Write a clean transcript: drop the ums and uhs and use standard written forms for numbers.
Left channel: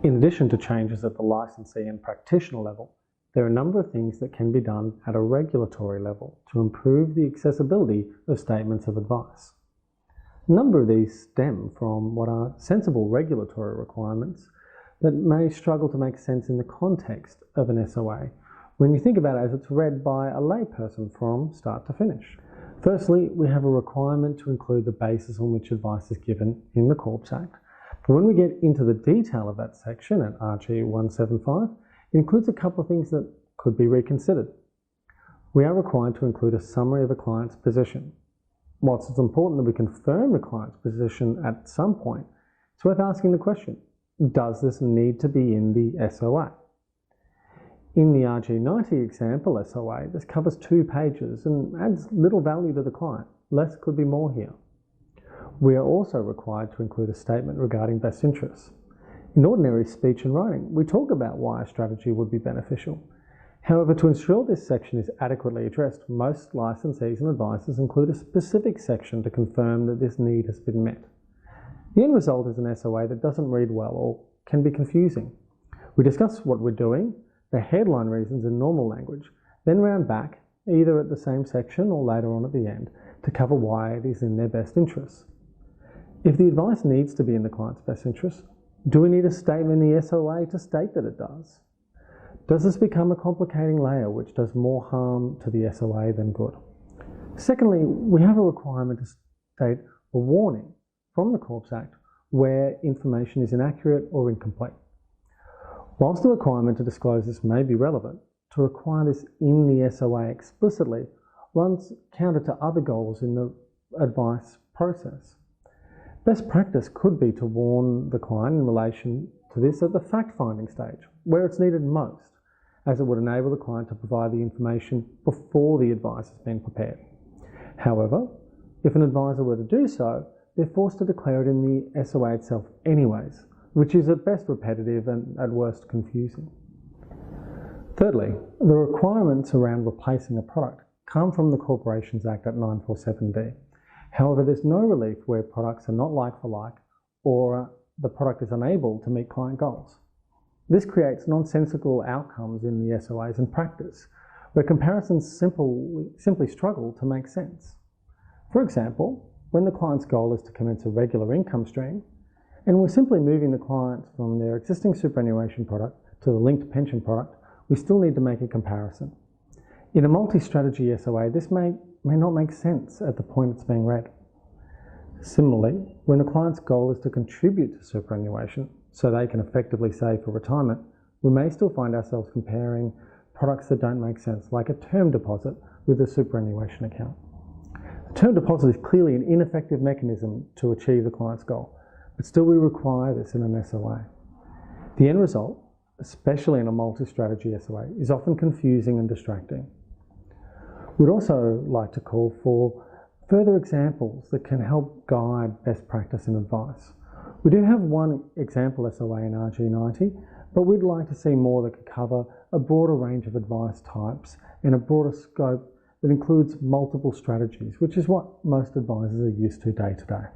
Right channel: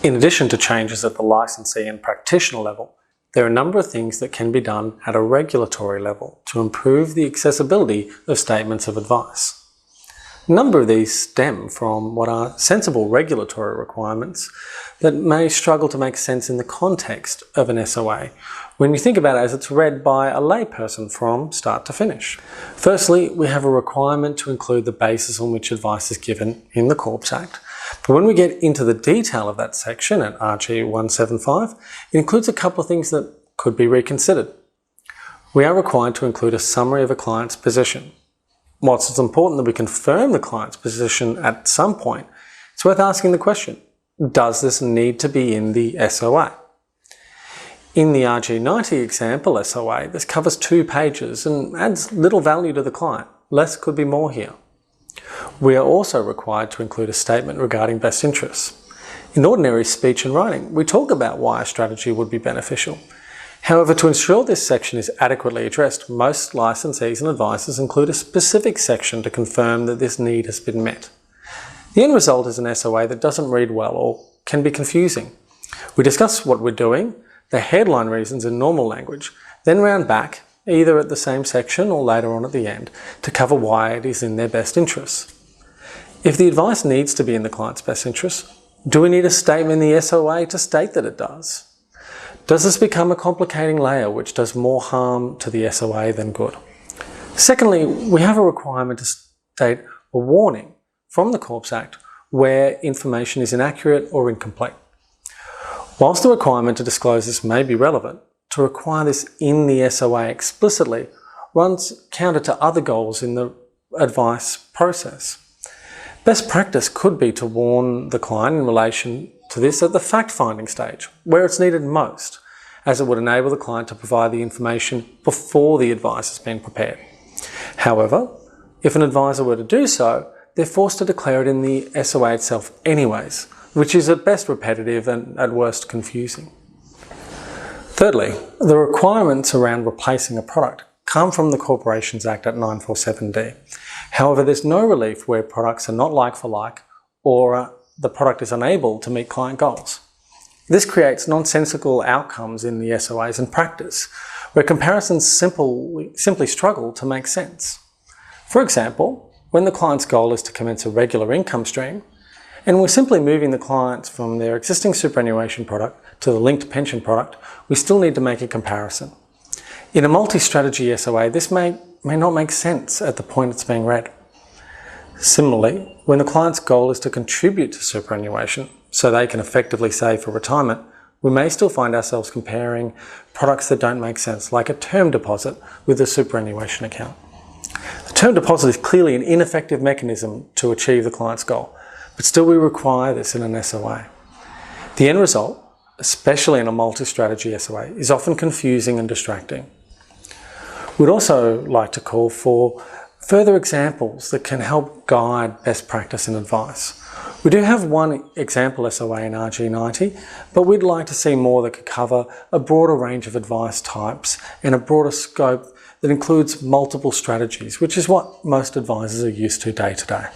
In addition to changes at the licensee and practitioner level, there are a number of things that can be done at a regulatory level to improve the accessibility of statements of advice. A number of these stem from what are sensible regulatory requirements that may struggle to make sense in the context of an SOA when you think about it as it's read by a layperson from start to finish. Firstly, we have a requirement to include the basis on which advice is given in the Corps Act. But when we get into the detail of that section at RG 175, it includes a couple of things that could be reconsidered. We are required to include a summary of a client's position. Whilst it's important that we confirm the client's position at some point, it's worth asking the question, does this need to be in the SOA? In the RG90 example SOA, this covers 2 pages and adds little value to the client. Less could be more here. We are also required to include a statement regarding best interests. In ordinary speech and writing, we talk about why a strategy would be beneficial. However, to ensure this section is adequately addressed, most licensees and advisors include a specific section to confirm that this need has been met. The end result is an SOA that doesn't read well or can be confusing. We discuss what we're doing, the headline reasons in normal language, then round back, either at the same section or later on at the end, to cover why it is in their best interests. If the advice needs to be in the client's best interests, do we need a statement in the SOA to state that it does? Does this become a complicating layer which does more harm to the SOA than good? Secondly, we have a requirement to state a warning from the Corps Act where information is inaccurate or incomplete. Whilst the requirement to disclose this may be relevant, to require this in the SOA explicitly runs counter to other goals in the advice process. Best practice could be to warn the client in relation to this at the fact-finding stage, where it's needed most, as it would enable the client to provide the information before the advice has been prepared. However, if an advisor were to do so, they're forced to declare it in the SOA itself anyways, which is at best repetitive and at worst confusing. Thirdly, the requirements around replacing a product come from the Corporations Act at 947D. However, there's no relief where products are not like for like or the product is unable to meet client goals. This creates nonsensical outcomes in the SOAs and practice, where comparisons simply struggle to make sense. For example, when the client's goal is to commence a regular income stream, and we're simply moving the clients from their existing superannuation product to the linked pension product, we still need to make a comparison. In a multi-strategy SOA, this may not make sense at the point it's being read. Similarly, when the client's goal is to contribute to superannuation so they can effectively save for retirement, we may still find ourselves comparing products that don't make sense, like a term deposit with a superannuation account. A term deposit is clearly an ineffective mechanism to achieve the client's goal, but still we require this in an SOA. The end result, especially in a multi-strategy SOA, is often confusing and distracting. We'd also like to call for further examples that can help guide best practice and advice. We do have one example SOA in RG90, but we'd like to see more that could cover a broader range of advice types and a broader scope that includes multiple strategies, which is what most advisors are used to day to day.